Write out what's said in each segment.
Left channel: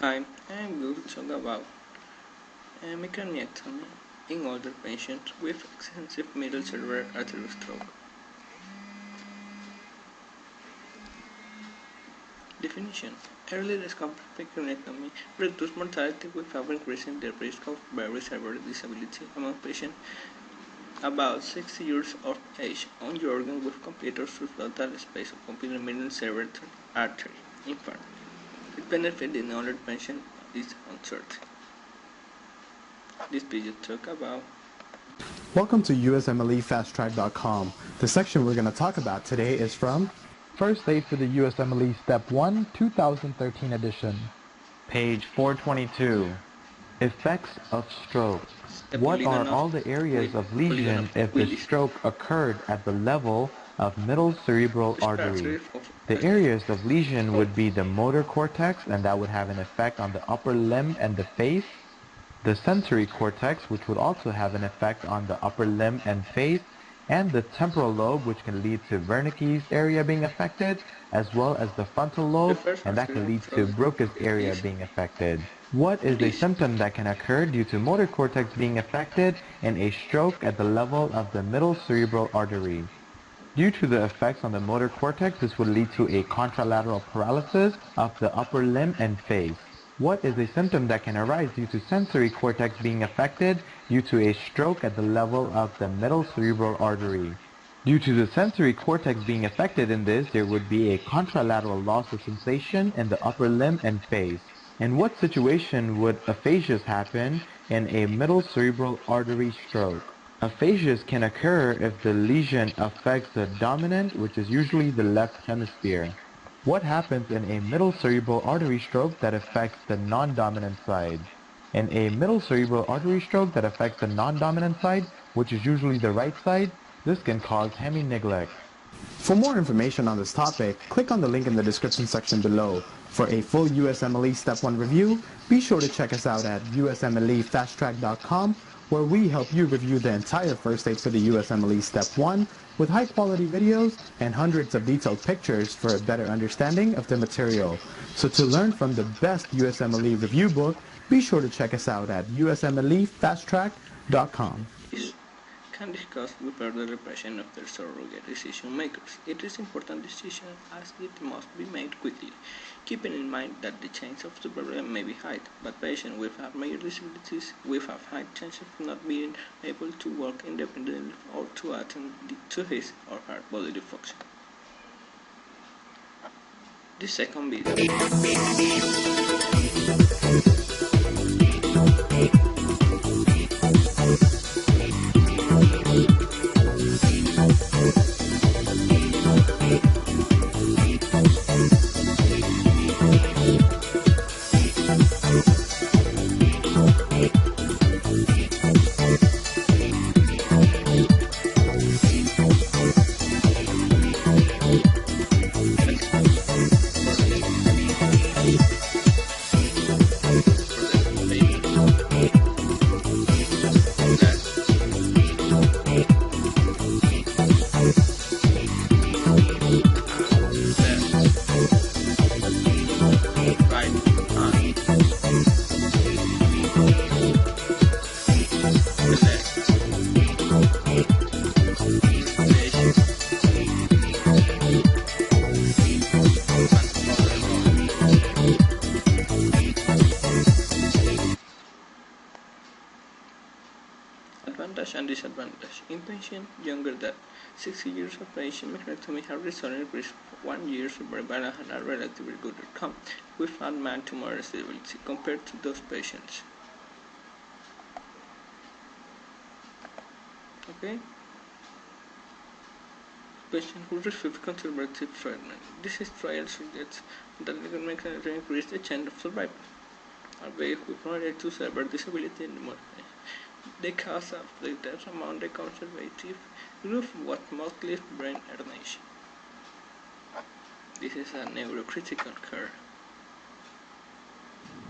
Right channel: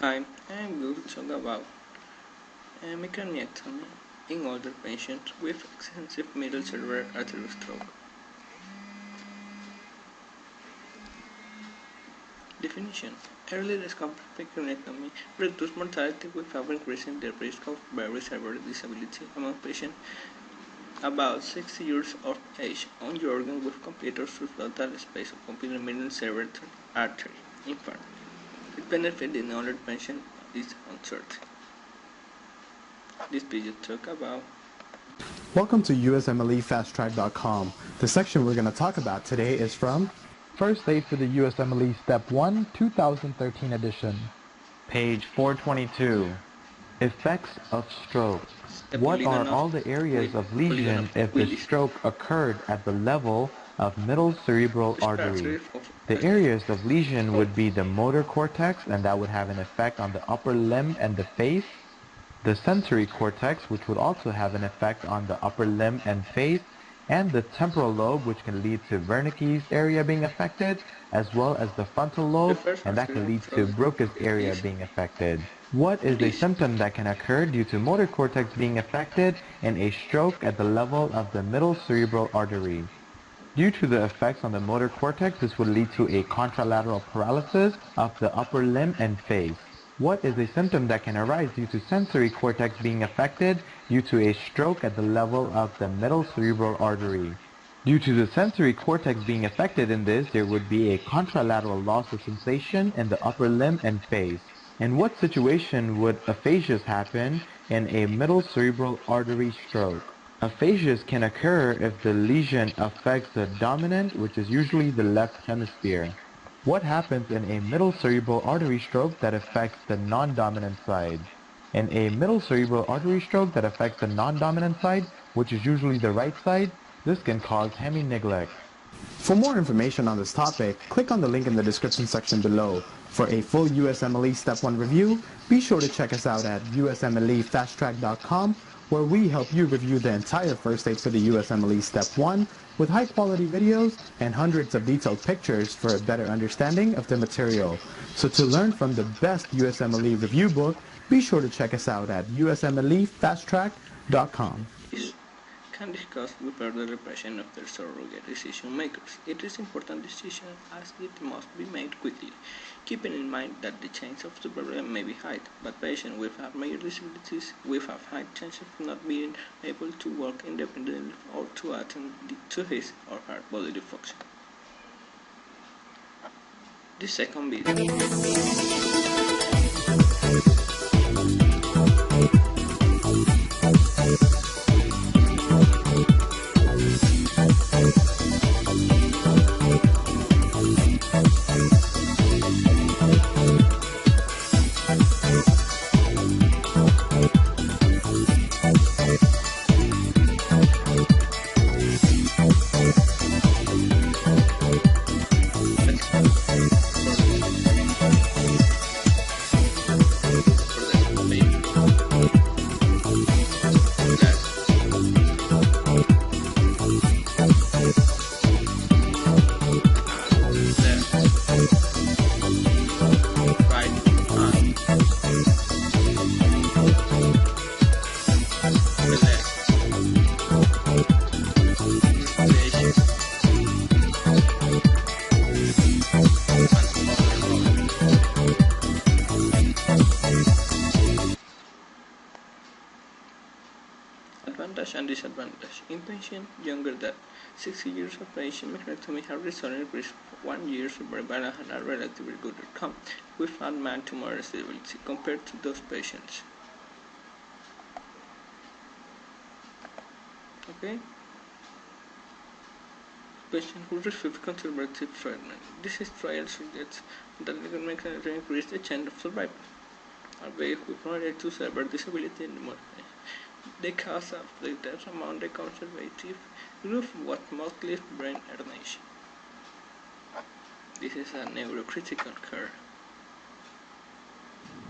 Hi, I'm going to talk about hemicraniectomy in older patients with extensive middle cerebral artery stroke. Definition: early discovered hemicraniectomy reduces mortality without increasing the risk of very severe disability among patients about 60 years of age on the organ with complete or subtotal space of complete middle cerebral artery. In fact, its benefit in older patients is uncertain. This video talk about. Welcome to USMLEFasttrack.com. The section we're going to talk about today is from First Aid for the USMLE Step 1, 2013 edition. Page 422. Effects of stroke. What are all the areas of lesion if the stroke occurred at the level of middle cerebral artery? The areas of lesion would be the motor cortex, and that would have an effect on the upper limb and the face. The sensory cortex, which would also have an effect on the upper limb and face, and the temporal lobe, which can lead to Wernicke's area being affected, as well as the frontal lobe, and that can lead to Broca's area being affected. What is a symptom that can occur due to motor cortex being affected in a stroke at the level of the middle cerebral artery? Due to the effects on the motor cortex, this would lead to a contralateral paralysis of the upper limb and face. What is a symptom that can arise due to sensory cortex being affected due to a stroke at the level of the middle cerebral artery? Due to the sensory cortex being affected in this, there would be a contralateral loss of sensation in the upper limb and face. In what situation would aphasias happen in a middle cerebral artery stroke? Aphasias can occur if the lesion affects the dominant, which is usually the left hemisphere. What happens in a middle cerebral artery stroke that affects the non-dominant side? In a middle cerebral artery stroke that affects the non-dominant side, which is usually the right side, this can cause hemi-neglect. For more information on this topic, click on the link in the description section below. For a full USMLE Step 1 review, be sure to check us out at USMLEFasttrack.com, where we help you review the entire first aid for the USMLE Step 1 with high-quality videos and hundreds of detailed pictures for a better understanding of the material. So to learn from the best USMLE review book, be sure to check us out at USMLEFasttrack.com. Can discuss with further repression of their surrogate decision makers. It is important decision as it must be made quickly, keeping in mind that the chance of the problem may be high, but patients with major disabilities will have high chance of not being able to work independently or to attend to his or her bodily function. The second video. Advantage and disadvantage. In patients younger than 60 years of age, hemicraniectomy has resulted in increased 1 year survival and a relatively good outcome with unmarked tumor stability compared to those patients. Okay? Patients who receive conservative treatment. This trial suggests that hemicraniectomy increase the chance of survival, albeit with moderate to severe disability in the morning. The cause of the death among the conservative group was mostly brain herniation. This is a neurocritical care.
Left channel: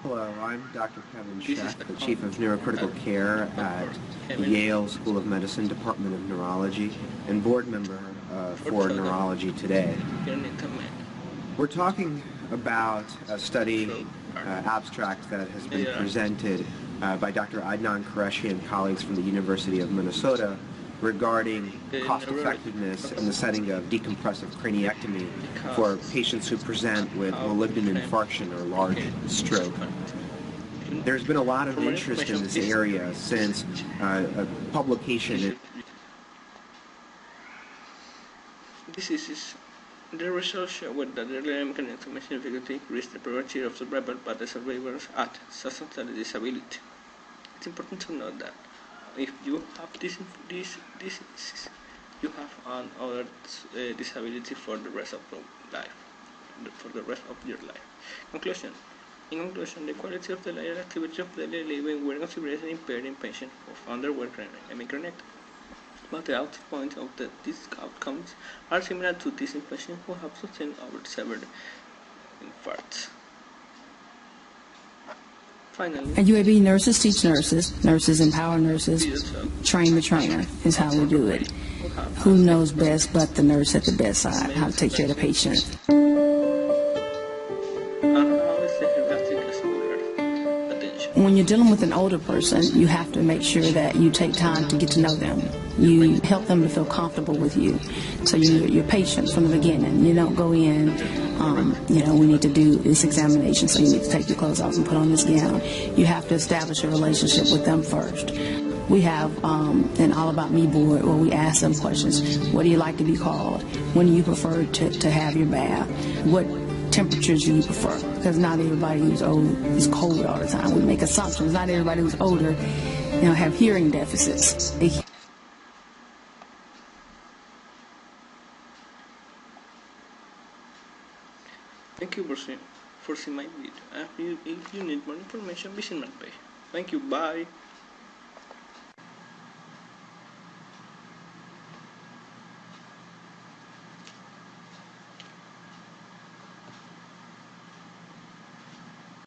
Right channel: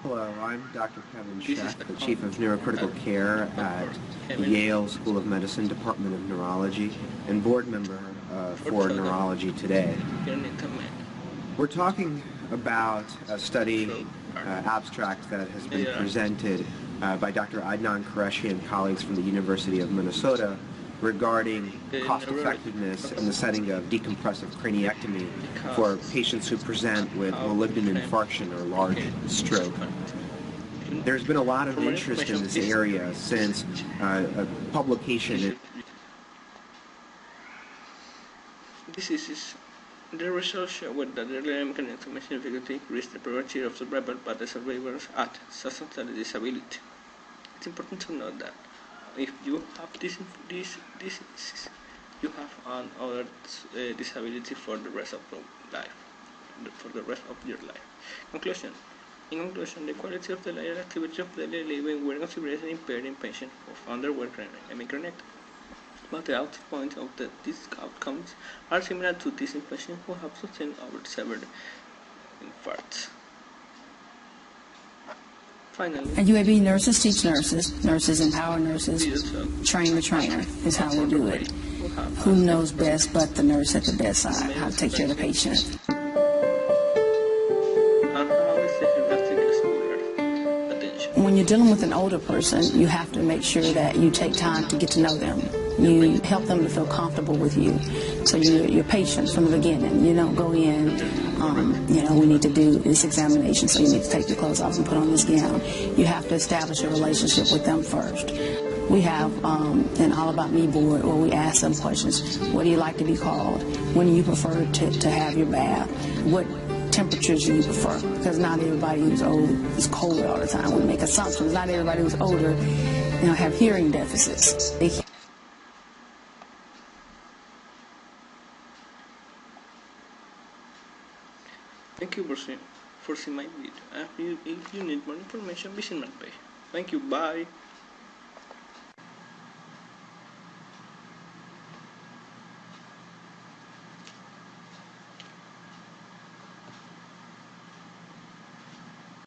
Hello, I'm Dr. Kevin Sheck, the Chief of Neurocritical Care at the Yale School of Medicine, Department of Neurology, and board member for Neurology Today. We're talking about a study abstract that has been presented by Dr. Adnan Qureshi and colleagues from the University of Minnesota regarding cost-effectiveness in the setting of decompressive craniectomy for patients who present with malignant infarction or large stroke. There's been a lot of interest in this area since a publication. This is the results show that the hemicraniectomy significantly increased the probability of survival by the survivors at substantial disability. It's important to note that if you have this disease, you have another disability for the rest of your life. Conclusion. In conclusion, the quality of the daily activity of daily living were considered impaired in patients who underwent hemicraniectomy. But the outpoint of these outcomes are similar to these in patients who have sustained over severed infarcts. Finally, and UAB nurses teach nurses, nurses empower nurses, train the trainer is how we do it. Who knows best but the nurse at the bedside, how to take care of the patient. When you're dealing with an older person, you have to make sure that you take time to get to know them. You help them to feel comfortable with you. So you're patient from the beginning. You don't go in, we need to do this examination, so we need to take the clothes off and put on this gown. You have to establish a relationship with them first. We have an All About Me board where we ask them questions. What do you like to be called? When do you prefer to have your bath? What temperatures do you prefer? Because not everybody is cold all the time. We make assumptions. Not everybody who's older, have hearing deficits. Thank you for seeing my video. If you need more information, visit my page. Thank you. Bye.